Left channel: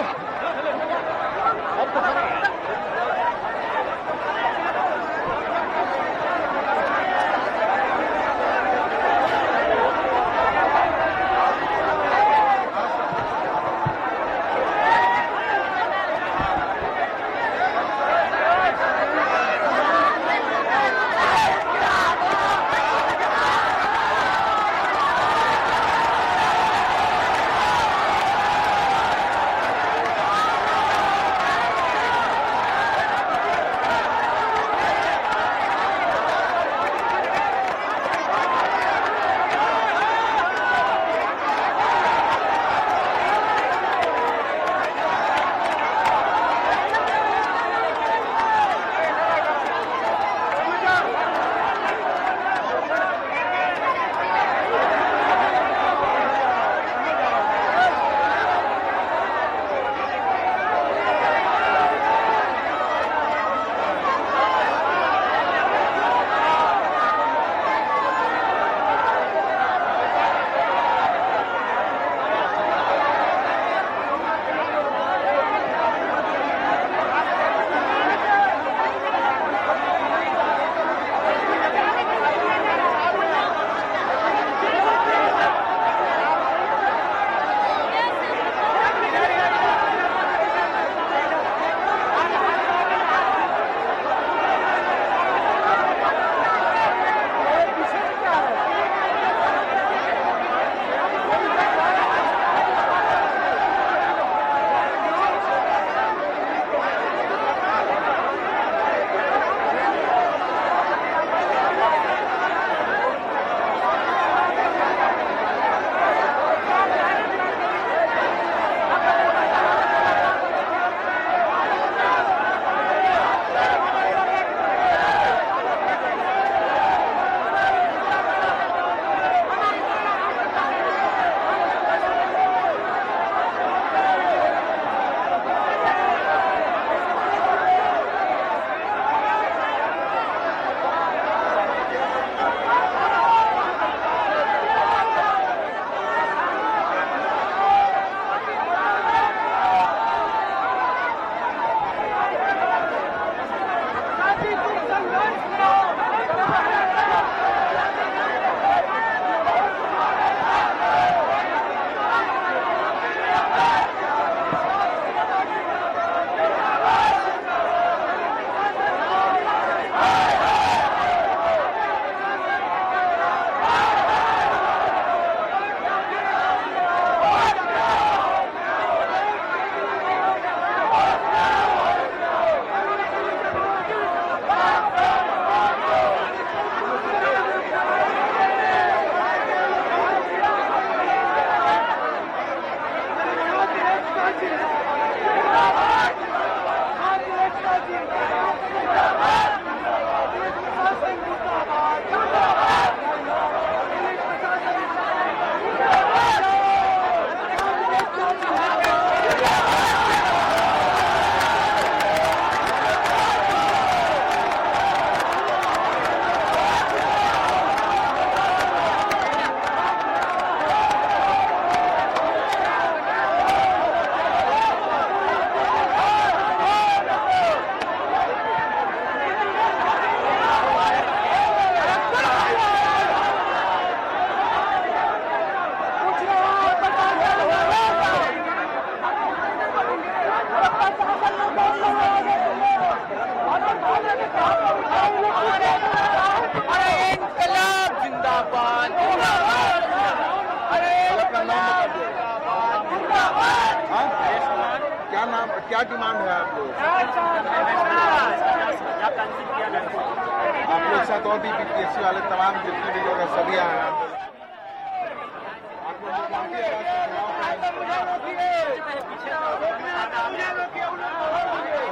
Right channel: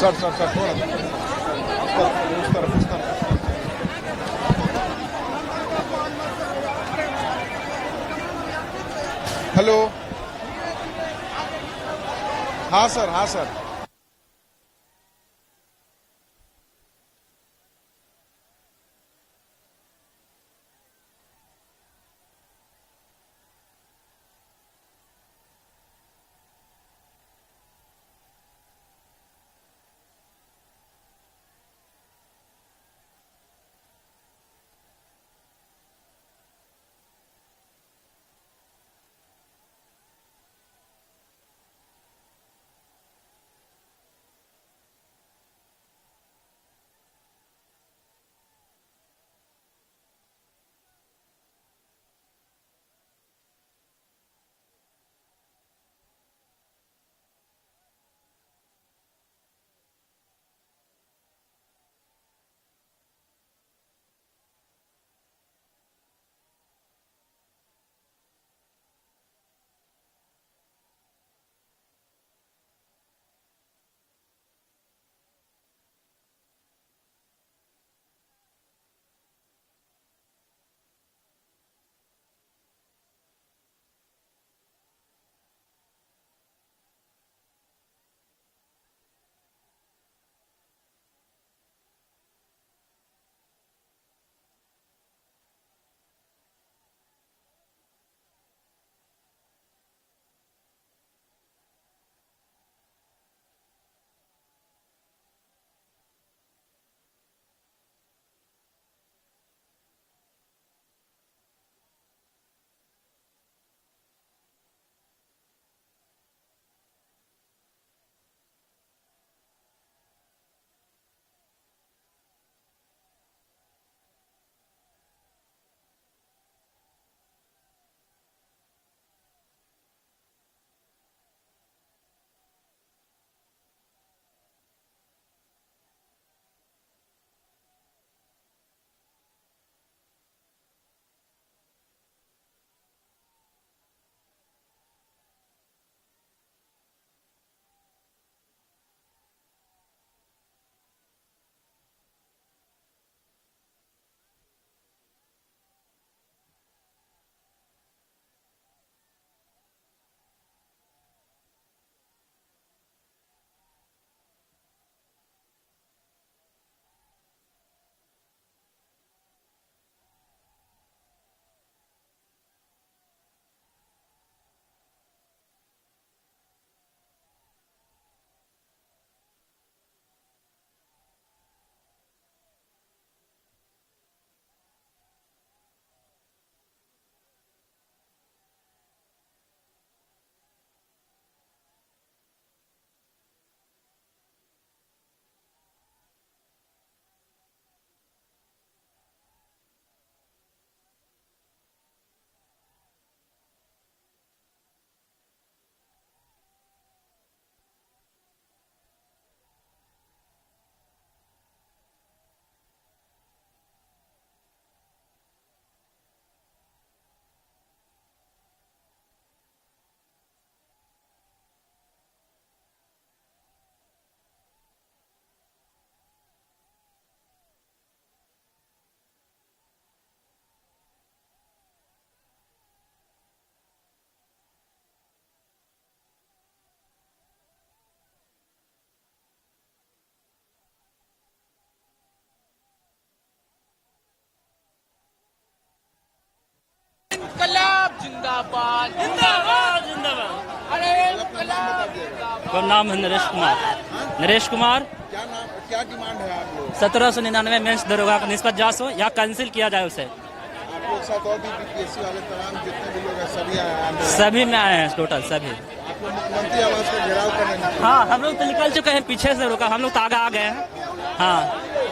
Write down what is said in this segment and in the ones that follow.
Sir sir sir hello, हाँ sir, हाँ sir. तो नाम है नरेश कुमार। नरेश कुमार। क्या नाम, क्या डिमांड है आप लोग? 1799 में दरोगा निस्बत जांच हो या कैंसिल किया जाए उसे। आप लोग साथ और भी बीपीएससी वाले तमाम जितने भी लोग हैं सभी आए हैं? सभी में आए हैं टोटल सभी। आप लोग मुख्यमंत्री आवास का घेराव कर रहे हैं? हाँ, हम लोग तो निकल चुके हैं, पीछे से रोका, हम लोग तो आगे आ गए हैं। हाँ,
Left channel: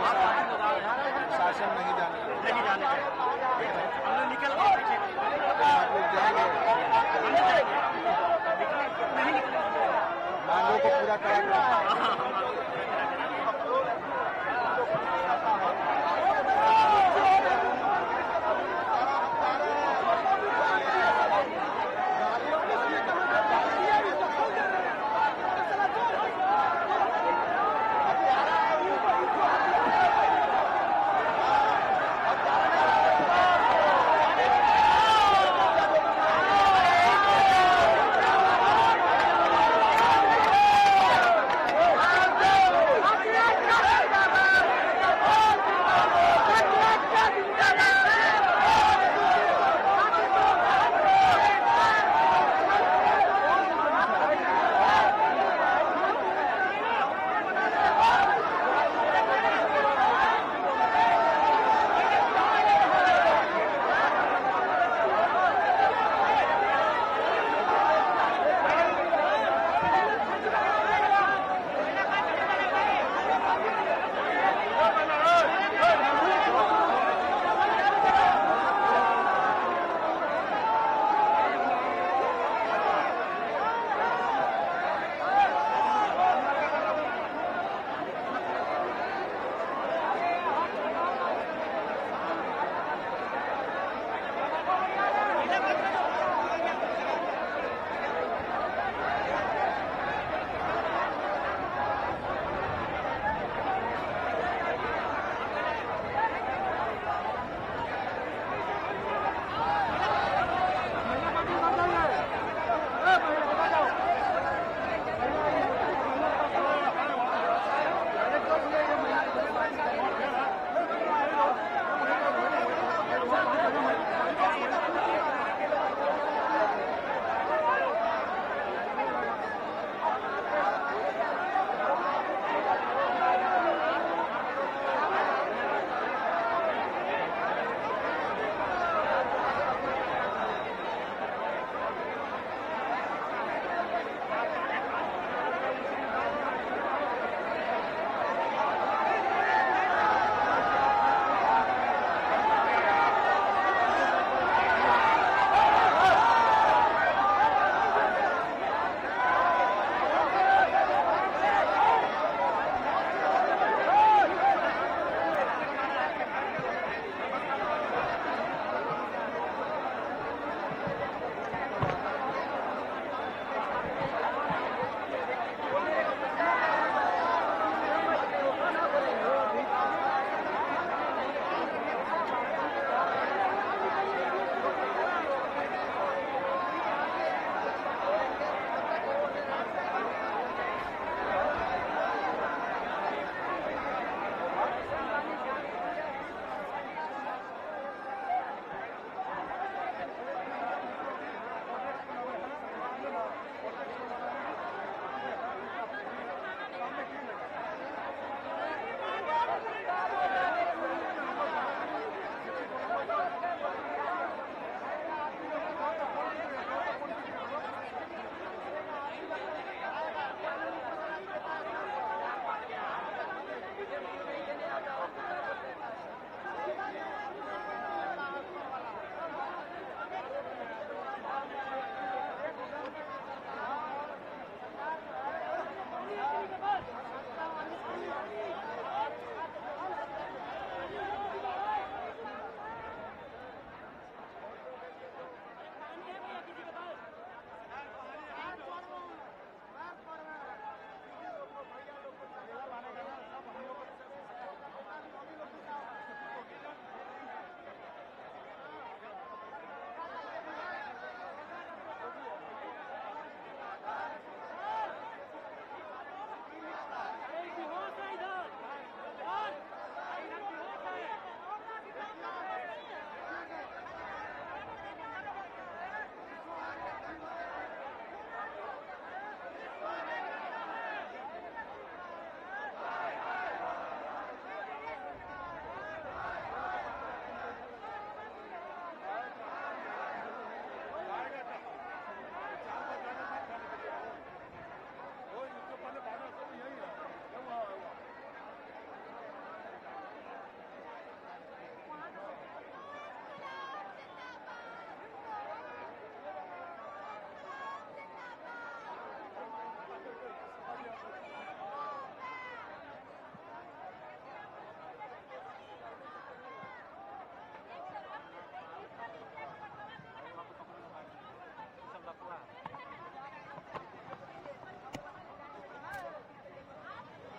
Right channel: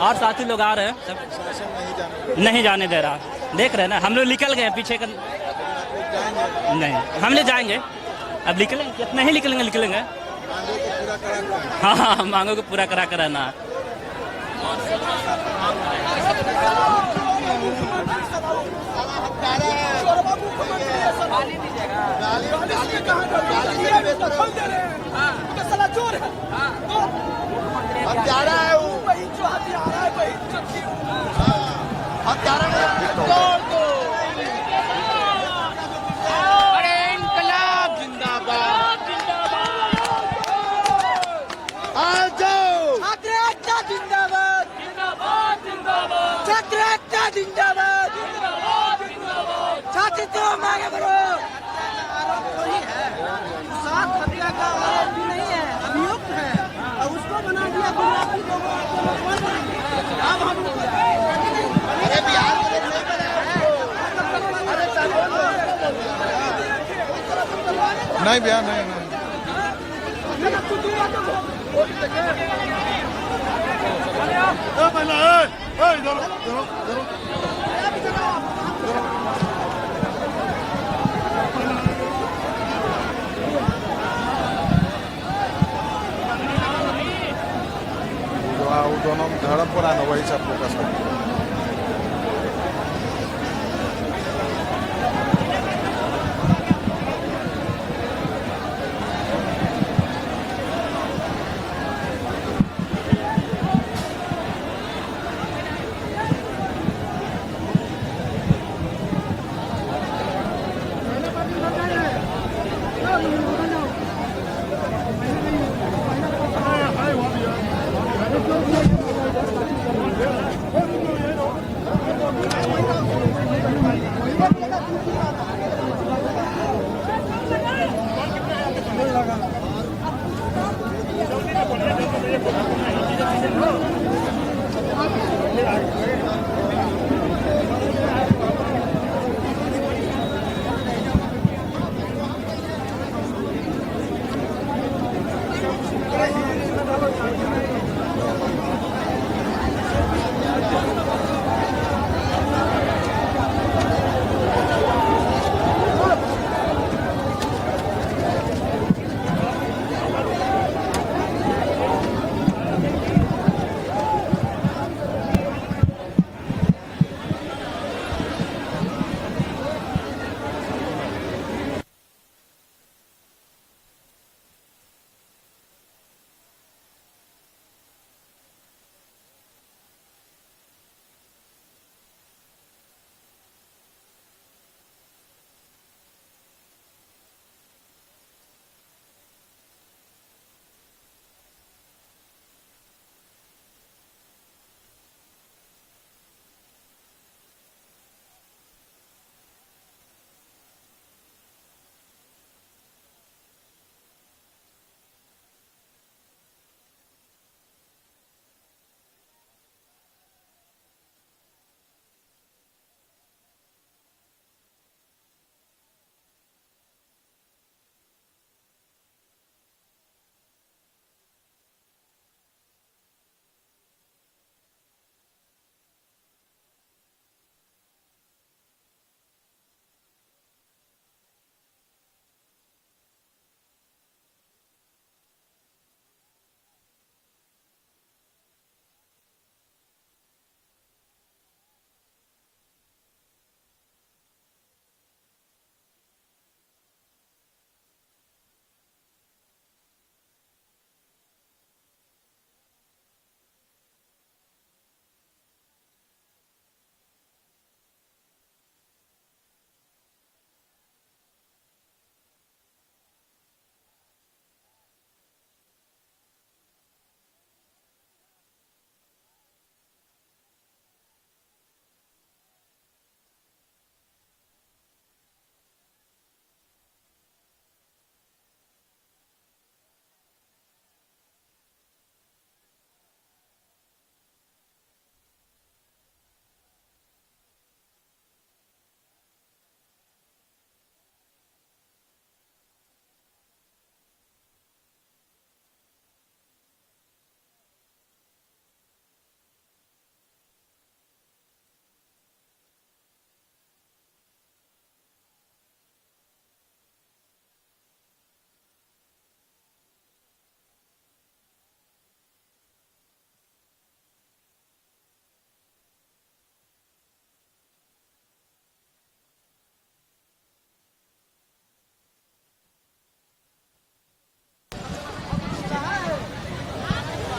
और साथी लोग आ रहे हैं। शासन नहीं जाने दे रहा, देख रहे हैं ना, हम लोग निकल गए पीछे कर। आप लोग जाएंगे? नहीं, हम ले जाएंगे, अब निकलेंगे, कितना ही निकलेंगे। मांगों को पूरा करा कर। हाँ, मांगों को पूरा करा कराना। धर्मपुर आना वही सब फोकस करते हैं।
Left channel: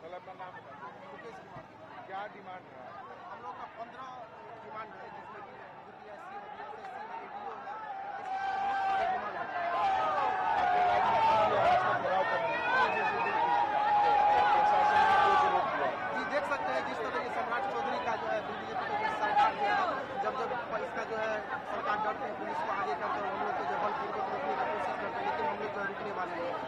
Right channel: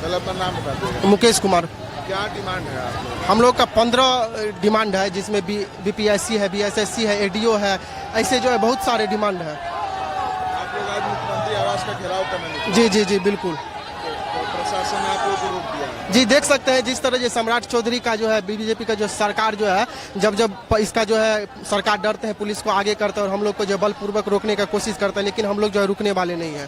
पहले अपना नाम बता दीजिए। मुकेश कुमार। क्या डिमांड है आप लोग? हम लोग का 15 डिमांड है, जिसमें बीपीएससी है, बीएसएससी है, एडीओ है, ऐसे जो है बहुत सारे डिमांड है। आप लोग आज मुख्यमंत्री आवास का घेराव करने निकले। जी जी जी बिल्कुल। तो प्रशासन ने आप लोग को रोक दिया है। जी देख सकते हैं जिस तरह ये सम्राट चौधरी का जो है, बीजेपी का जो सरकार जो है, जब इसका जो है सरकार डरते हैं, पुलिस को आगे करते हैं और हम लोग को जो बलपूर्वक रोकने का कोशिश करते हैं, लेकिन हम लोग जो है रुकने वाले नहीं है।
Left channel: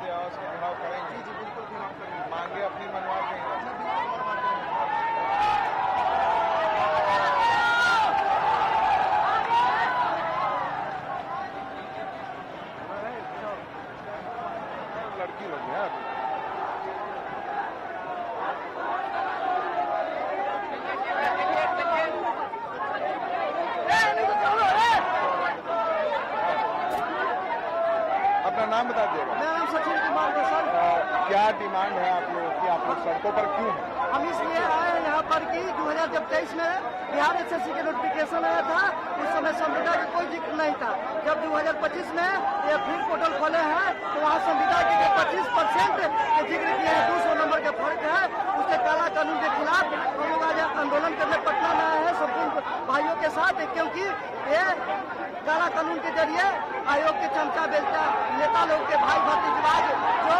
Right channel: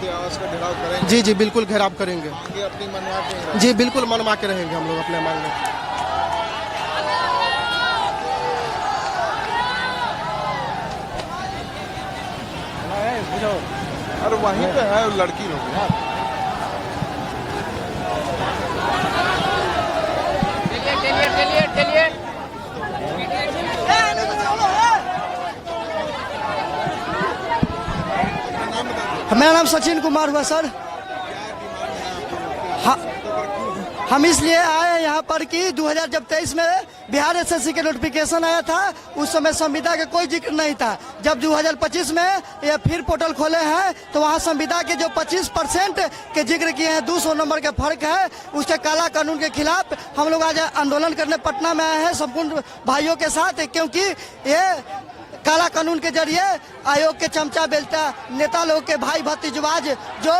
मुख्यमंत्री आवास का घेराव करेंगे? जी जी बिल्कुल घेराव करेंगे। ये अपनी मनवा के रहेंगे? जी बिल्कुल मनवा के रहेंगे हम लोग अपने मांगे। और वहीं पे है लड़की लोग ना। मेरा नाम सचिन कुमार हुआ सर। क्या डिमांड है आप लोग? हम इसलिए आए यहाँ पर कि 2023 में बिहार एसएससी के नोटिफिकेशन आया था, उस समय संविदा का कोई जिक्र नहीं था। जब 2025 में ये फिर पोर्टल खोले हैं तो वहाँ संविदा के जो 25% के जिक्र किए हैं, 200 नंबर का फर्क है, उसके काला कानून के खिलाफ हम लोग आज आंदोलन करने पटना में आए हैं संपूर्ण भाइयों के साथ, क्योंकि ये काला कानून के जरिए आयोग के चमचा बेलता नेता लोग के भाई भतीजवाज जो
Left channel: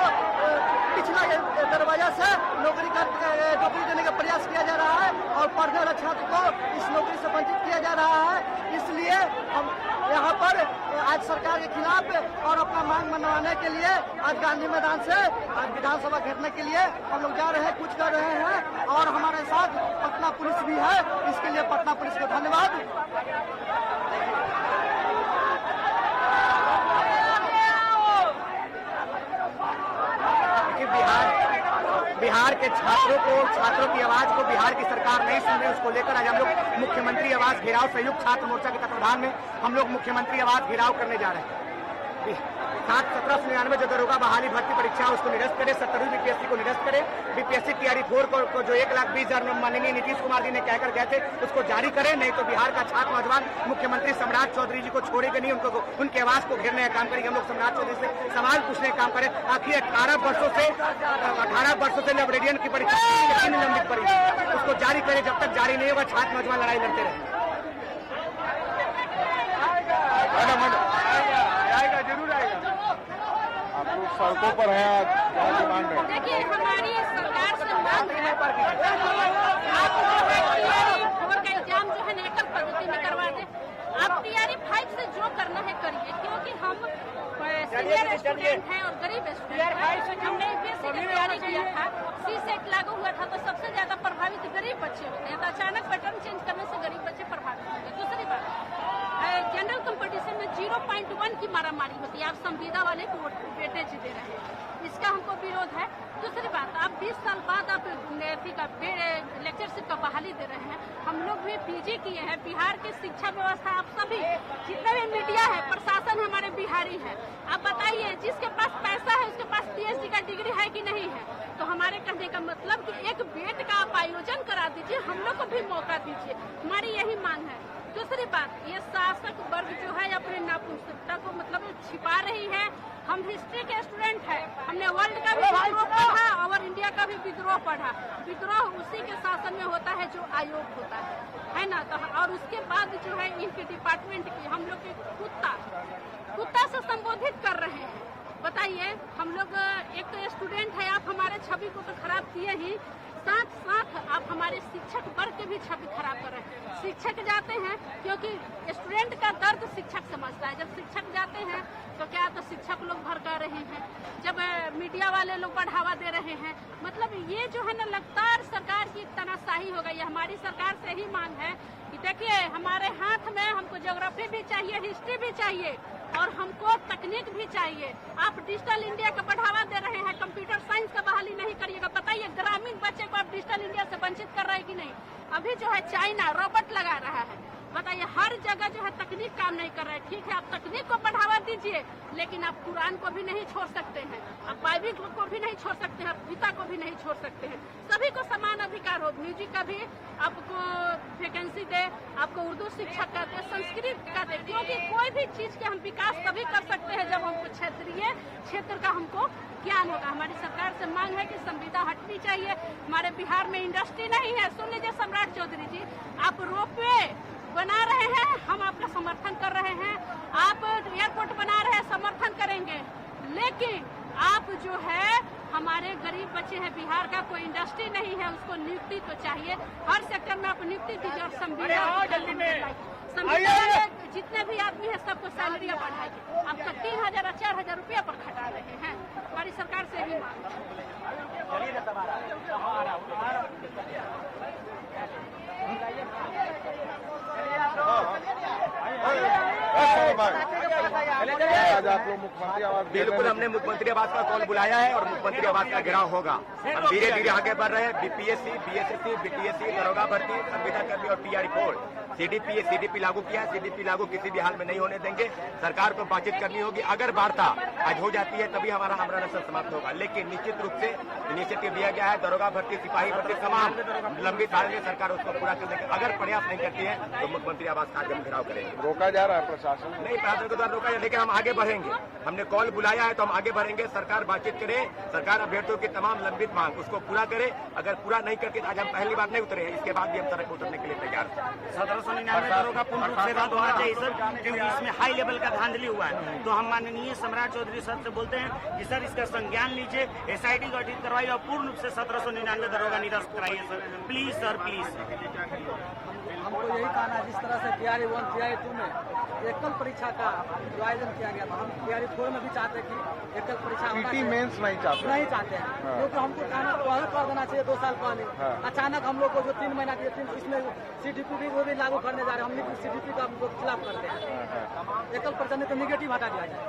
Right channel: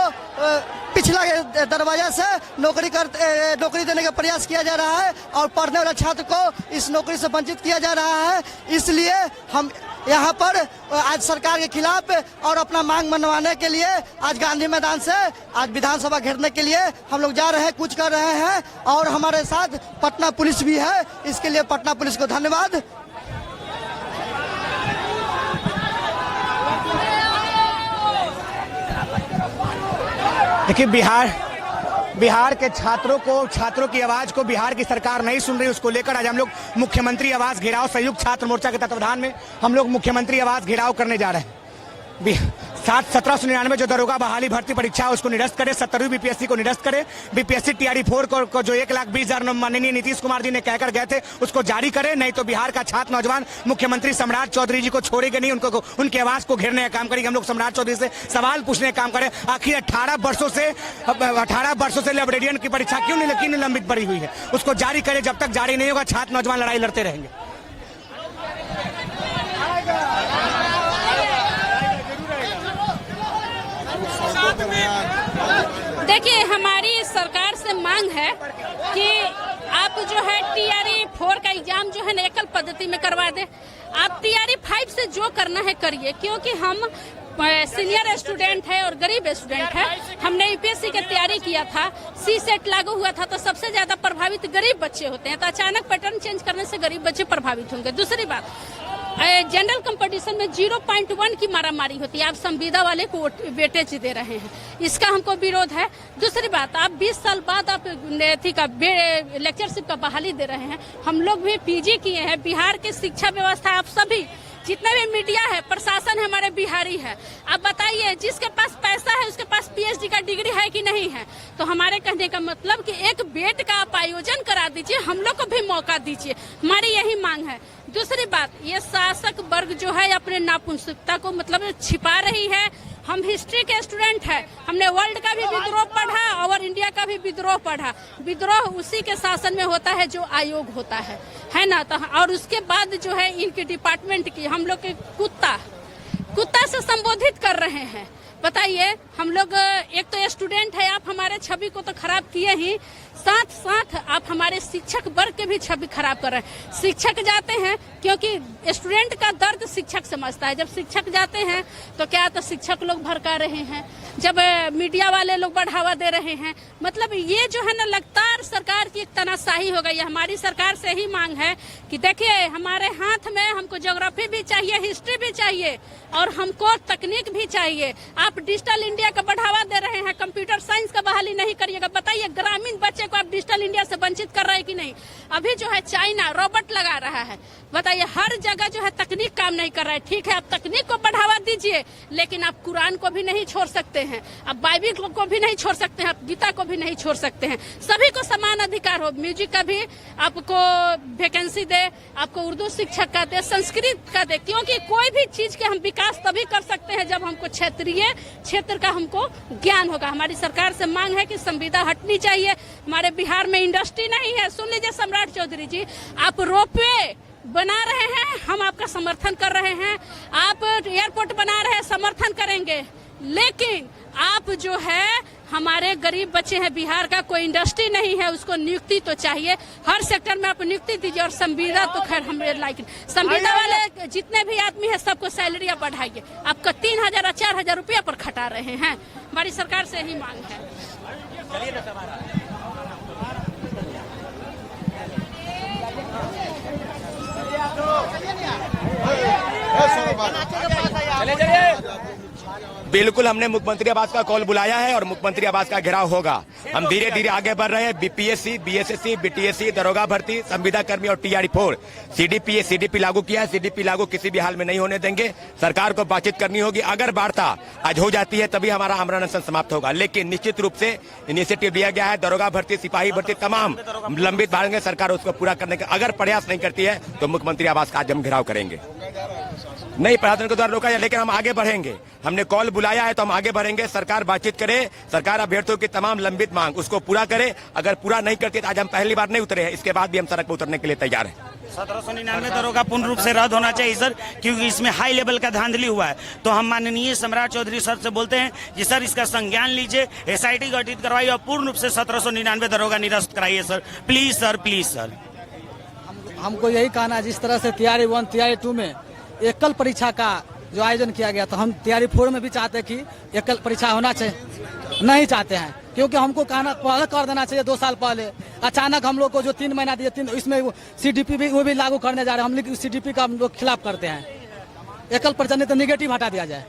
पिछला दरवाजा से नौकरी देने का प्रयास किया जा रहा है और पढ़ने वाले छात्र को इस नौकरी से वंचित किया जा रहा है। इसलिए हम यहाँ पर आज सरकार के खिलाफ और अपना मांग मनवाने के लिए आज गांधी मैदान से आज विधानसभा घेरने के लिए हम लोग जा रहे हैं, कुछ कर रहे हैं और हमारे साथ पटना पुलिस भी है। इसके लिए पटना पुलिस को धन्यवाद। देखिए, बिहार के छात्रों की आवाज को बिहार की सरकार नहीं सुन रही, उसको लेकर आज हम लोग मुख्यमंत्री आवास घेराव संयुक्त छात्र मोर्चा के तत्वाधान में हम लोग मुख्यमंत्री आवास घेराव करने जा रहे हैं। 1799 जो दरोगा बहाली भर्ती परीक्षा उसको निरस्त करे, 17वीं बीपीएससी को निरस्त करे, बीपीएससी टीआरई 4 को जो 1,20,000 माननीय नीतीश कुमार जी ने कहकर गए थे उसको जारी करे, नहीं तो बिहार का छात्र नौजवान मुख्यमंत्री सम्राट चौधरी जी को छोड़ेगा नहीं, उनकी आवाज को घेरने का काम करेंगे। हम लोग सम्राट चौधरी से सवाल पूछने का काम करें, आखिर 18 वर्षों से लाइब्रेरियन की परीक्षा क्यों निलंबित पड़ी हुई है, उसको जारी करे। जब तक जारी नहीं होगा छात्र नौजवान लड़ाई लड़ते रहेंगे। देखिए, हमारी सरकार से मांग है कि आप जो है टीआरई 4 का एग्जाम जो है ना एकल पद्धति में करवा दे। आप टीआरई 5 से जो करना है करिए, क्योंकि हम सीनियर स्टूडेंट है और गरीब स्टूडेंट है। हमने यूपीएससी की तैयारी किया था, सी सेट लागू हुआ था, तो सबसे ज्यादा प्रभावित गरीब बच्चे होते हैं, तो अचानक पैटर्न चेंज करने से गरीब बच्चे प्रभावित होंगे। दूसरी बात, जनरल कंपटीशन में 0.1 की मारामारी होती है, आप संविदा वाले को वेटेज दे रहे हैं, इसका हमको विरोध है। दूसरी बात, आप 20 साल बाद आप लेक्चरशिप का बहाली दे रहे हैं। हम लोग भी पीजी किए हैं। बिहार की शिक्षा व्यवस्था, आप सभी जितना भी मीडिया है, प्रशासन हमारे बिहारी है, आप बताइए जिसके पास पैसा है उसके पास पीएचडी का डिग्री है कि नहीं है। तो हमारे कहने का मतलब कि एक बेट का आप आयोजन करा दीजिए, हम लोग को भी मौका दीजिए, हमारी यही मांग है। दूसरी बात, ये शासक वर्ग जो है अपने नापुंसकता को मतलब छिपा रही है। हम हिस्ट्री के स्टूडेंट हैं, हमने वर्ल्ड का भी विद्रोह पढ़ा और इंडिया का भी विद्रोह पढ़ा। विद्रोह उसी के शासन में होता है जो आयोग होता है ना। तो और उसके बाद जो है इनके डिपार्टमेंट की हम लोग के कुत्ता से संबोधित कर रहे हैं। बताइए, हम लोग एक तो स्टूडेंट है, आप हमारे छवि को तो खराब किए ही, साथ साथ आप हमारे शिक्षक वर्ग के भी छवि खराब कर रहे हैं। शिक्षक जाते हैं क्योंकि स्टूडेंट का दर्द शिक्षक समझता है, जब शिक्षक जाते हैं तो क्या तो शिक्षक लोग भड़का रहे हैं, जब मीडिया वाले लोग बढ़ावा दे रहे हैं। मतलब ये जो है ना लगातार सरकार की एक तानाशाही हो गई है। हमारी सरकार से ही मांग है कि देखिए, हमारे हाथ में हमको ज्योग्राफी भी चाहिए, हिस्ट्री भी चाहिए और हमको तकनीक भी चाहिए। आप डिजिटल इंडिया का बढ़ावा दे रहे हैं, कंप्यूटर साइंस का बहाली नहीं करिएगा। बताइए, ग्रामीण बच्चे को आप डिजिटल इंडिया से वंचित कर रहे हैं कि नहीं। अभी जो है चाइना रोबोट लगा रहा है, बताइए हर जगह जो है तकनीक काम नहीं कर रहा है। ठीक है, आप तकनीक को बढ़ावा दीजिए, लेकिन आप कुरान को भी नहीं छोड़ सकते हैं, आप बाइबिल को भी नहीं छोड़ सकते हैं, आप गीता को भी नहीं छोड़ सकते हैं। सभी को समान अधिकार हो। म्यूजिक का भी आपको वैकेंसी दे, आपको उर्दू शिक्षक का दे, संस्कृत का दे, क्योंकि कोई भी चीज के हम विकास तभी कर सकते हैं जब हमको क्षेत्र का हमको ज्ञान होगा। हमारी सरकार से मांग है कि संविदा हटनी चाहिए। हमारे बिहार में इंडस्ट्री नहीं है। सुन लीजिए सम्राट चौधरी जी, आप रोपवे बना रहे हैं, हम आपका समर्थन कर रहे हैं। आप एयरपोर्ट बना रहे हैं, समर्थन करेंगे, लेकिन आप जो है हमारे गरीब बच्चे हैं बिहार का, कोई इंडस्ट्री नहीं है, उसको नियुक्ति तो चाहिए। हर सेक्टर में आप नियुक्ति दीजिए और संविदा तो खैर हमें लाइक संविदा वाले जितने भी आदमी है सबको सैलरी आप बढ़ाइए। आपका 3,000 और 4,000 रुपया पर खटा रहे हैं। हमारी सरकार से ही मांग है। मुख्यमंत्री आवास बिल्कुल हमने मुख्यमंत्री आवास का कॉल बुलाया है और मुख्यमंत्री आवास का घेराव होगा। हम धीरे धीरे आगे बढ़ रहे हैं। बीपीएससी, बीएसएससी, बीटीएससी, दरोगा भर्ती, संविदा कर्मी और टीआरई 4 सीडीपी लागू किया है। सीडीपी लागू किसी भी हाल में नहीं होने देंगे। सरकार को बातचीत करनी होगी। अगर वार्ता आज हो जाती है तभी हमारा आमरण अनशन समाप्त होगा। लेकिन निश्चित रूप से इनिशिएटिव दिया गया है। दरोगा भर्ती, सिपाही भर्ती तमाम लंबित भागेंगे। सरकार उसको पूरा करने का अगर प्रयास नहीं करती है तो मुख्यमंत्री आवास का आज हम घेराव करेंगे। रोका जा रहा है प्रशासन? नहीं, प्रशासन के द्वारा रोका जाए, लेकिन हम आगे बढ़ेंगे। हमने कॉल बुलाया है तो हम आगे बढ़ेंगे। सरकार बातचीत करे, सरकार अभ्यर्थियों की तमाम लंबित मांग उसको पूरा करे। अगर पूरा नहीं करती तो आज हम पहली बार नहीं उतरे हैं, इसके बाद भी हम सड़क पर उतरने के लिए तैयार हैं। 1799 दरोगा पूर्ण रूप से रद्द होना चाहिए सर, क्योंकि इसमें हाई लेवल का धांधली हुआ है। तो हम माननीय सम्राट चौधरी सर से बोलते हैं कि सर इसका संज्ञान लीजिए, एसआईटी गठित करवाइए और पूर्ण रूप से 1799 दरोगा निरस्त कराइए sir. Please sir, please sir. हमको यही कहना है, जिस तरह से तैयारी 1 तैयारी 2 में एकल परीक्षा का जो आयोजन किया गया, तो हम तैयारी 4 में भी चाहते हैं कि एकल परीक्षा होना चाहिए। नहीं चाहते हैं, क्योंकि हमको कहना पहले कर देना चाहिए 2 साल पहले। अचानक हम लोग को जो 3 महीना दिए, इसमें सीडीपी भी वो भी लागू करने जा रहे हैं। हम लोग सीडीपी का हम लोग खिलाफ करते हैं। एकल परीक्षा नहीं तो निगेटिव हटा दिया जाए।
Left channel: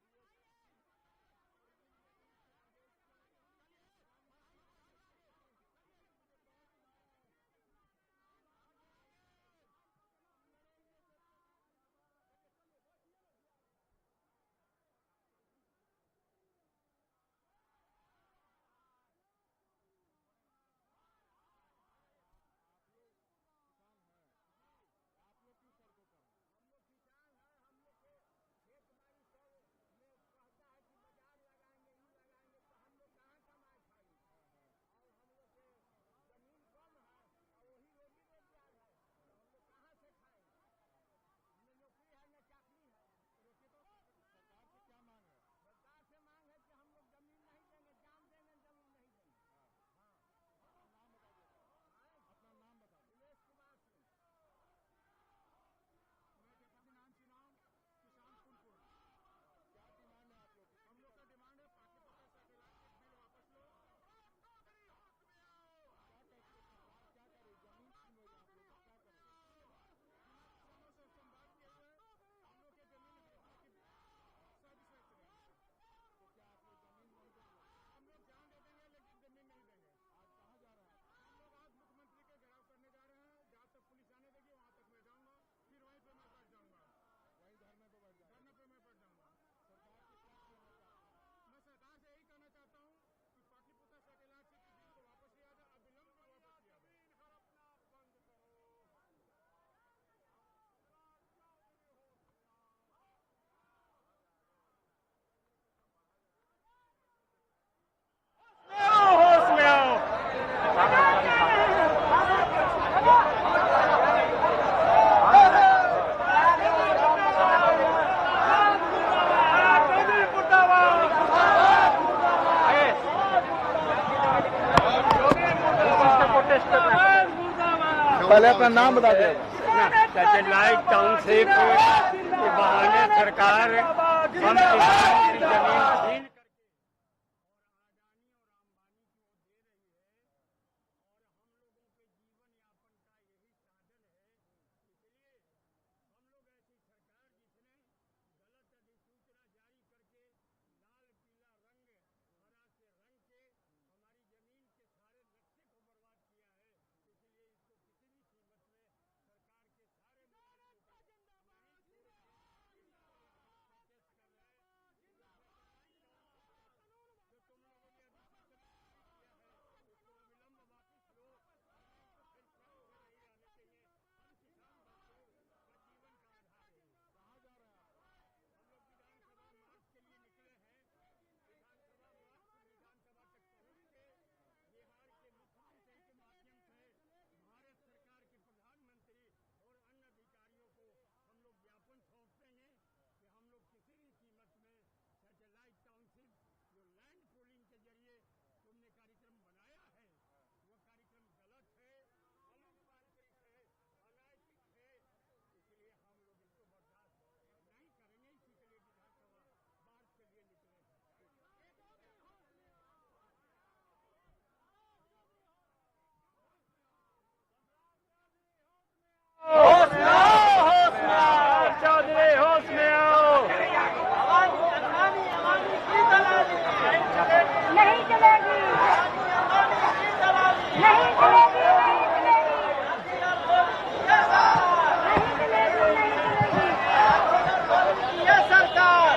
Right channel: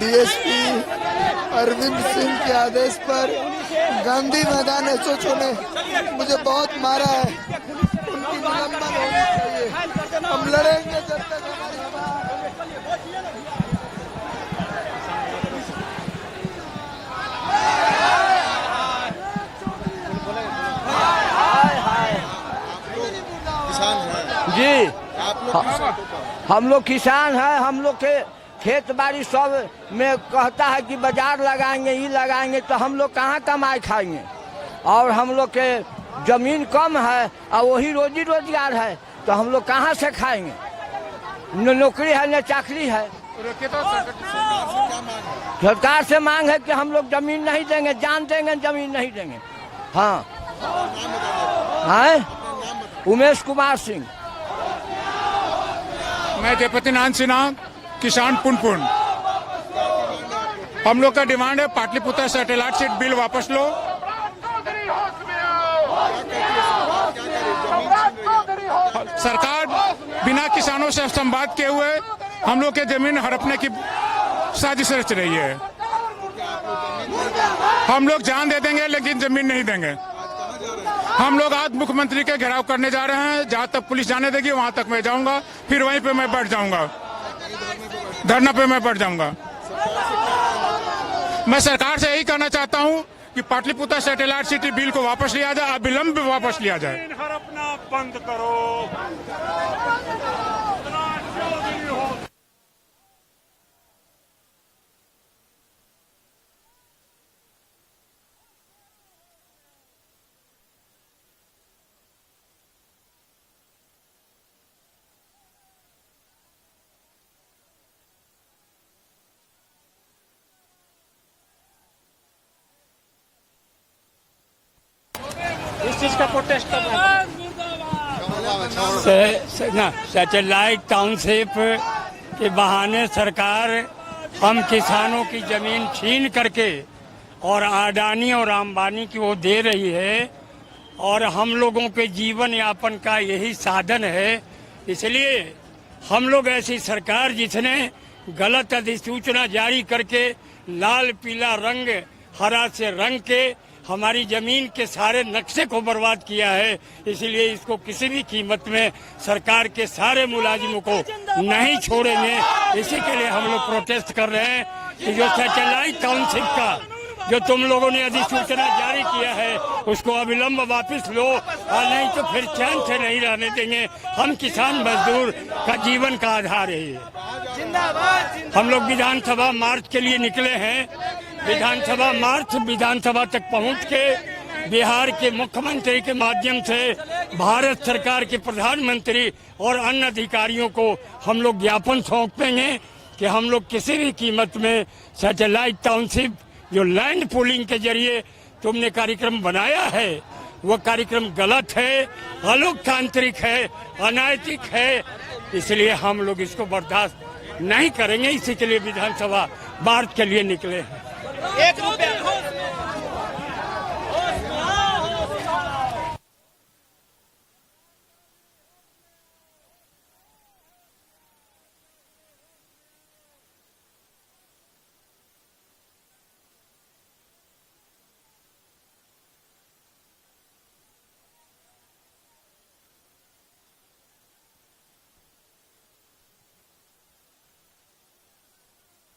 डीएसपी अरविंद सिंह के आदेश पर गांधी मैदान एसओ ने मुझे बहुत मारा है। उनकी निलंबन होनी चाहिए। हम लड़ेंगे जब तक जी आप लोग हम लोग किसान हैं। हम लोग के खेत बाड़ी सब में कहता है कि बाजार लगाएंगे, ये लगाएंगे, तो हम लोग कहाँ कमाए खाएंगे। और हम लोग के जमीन कम है और वही रोजी रोजगार है, तो हम लोग कहाँ से खाएंगे। न नौकरी है न चाकरी है। सरकार से मांग है कि हम लोग जमीन नहीं देंगे, जान देंगे, जमीन नहीं देंगे। हाँ उमेश कुमार सिंह। मैं जयपति नारायण सिन्हा, किसान पुनपुन। हम लोग का डिमांड है पाटलिपुत्र सैटेलाइट सीट बिल वापस लो। सरकार बिना किसानों से संवाद किए हुए हम लोग के जमीन हड़पने की साजिश रच रही है। हम लोग जान दे देंगे लेकिन जमीन नहीं देंगे। हम लोग आज मुख्यमंत्री के घेराव करने जा रहे हैं। जहां तक पुलिस जाने देगी वहां तक मैं जाऊंगा, फिर वहीं पे मैं बैठ जाऊंगा, धरना पे मैं बैठ जाऊंगा। मैं सरकार से यही कहना चाहता हूं कि पाटलिपुत्र सैटेलाइट सिटी बिल को वापस लिया जाए, अविलंब वापस लिया जाए। हड़पना बंद करो। सैटेलाइट टाउनशिप के बहाने सरकार हम किसानों की जमीन छीन करके और अडानी और अंबानी की वो दे रही है, और हम लोगों के जीवन यापन का यही साधन है। इसलिए हम लोग ऐसी सरकार जिसने गलत अधिसूचना जारी करके लाल पीला रंग हरा से रंग के हमारी जमीन के सारे नक्शे को बर्बाद किया है, इसलिए इसको किसी भी कीमत में सरकार के सारे मुलाजिमों को नहीं छोड़ेंगे। इसी के लिए हम लोग प्रोटेस्ट कर रहे हैं कि जो सैटेलाइट टाउनशिप का जो तुम लोगों ने अधिसूचना जारी किया है उसको अविलंब वापस लो, और नहीं तो फिर चैन से नहीं रहने देंगे। हम किसान मजदूर का जीवन का आधार है। हम लोग विधानसभा मार्च के लिए निकले हैं। विधानसभा तक पहुंच के बिहार के मुख्यमंत्री के माध्यम से भारत सरकार के प्रधानमंत्री और अन्य अधिकारियों को हम लोग ज्ञापन सौंपेंगे कि हम लोग किसी भी कीमत में सैटेलाइट टाउनशिप जो लैंड पूलिंग के जरिए तुमने कार्यक्रम बनाया है वो कार्यक्रम गलत है, अलोकतांत्रिक है, अनैतिक है। इसलिए हम लोग इसको बर्दाश्त नहीं करेंगे। इसी के लिए विधानसभा मार्च के लिए निकले हैं। सरकार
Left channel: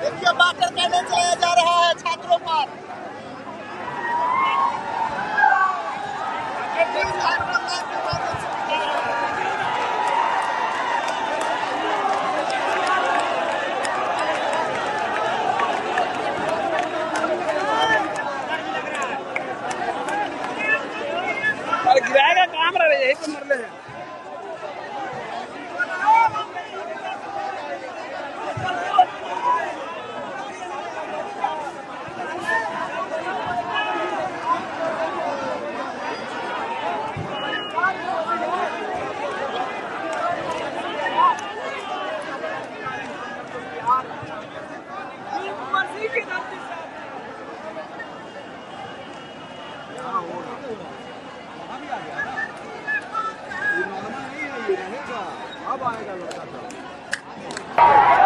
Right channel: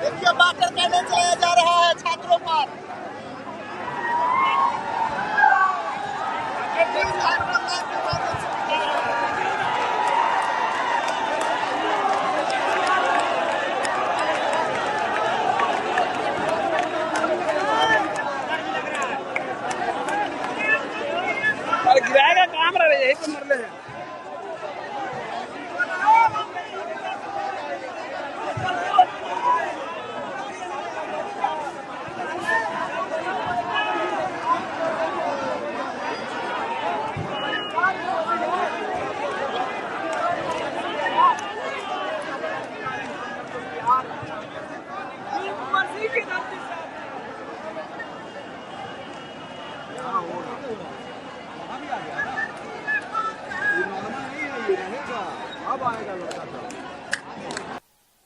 देखिए वाटर कैनन चलाया जा रहा है छात्रों पर। गिराएगा काम रहा है, यही तो मरले हैं। अब आएगा लड़का।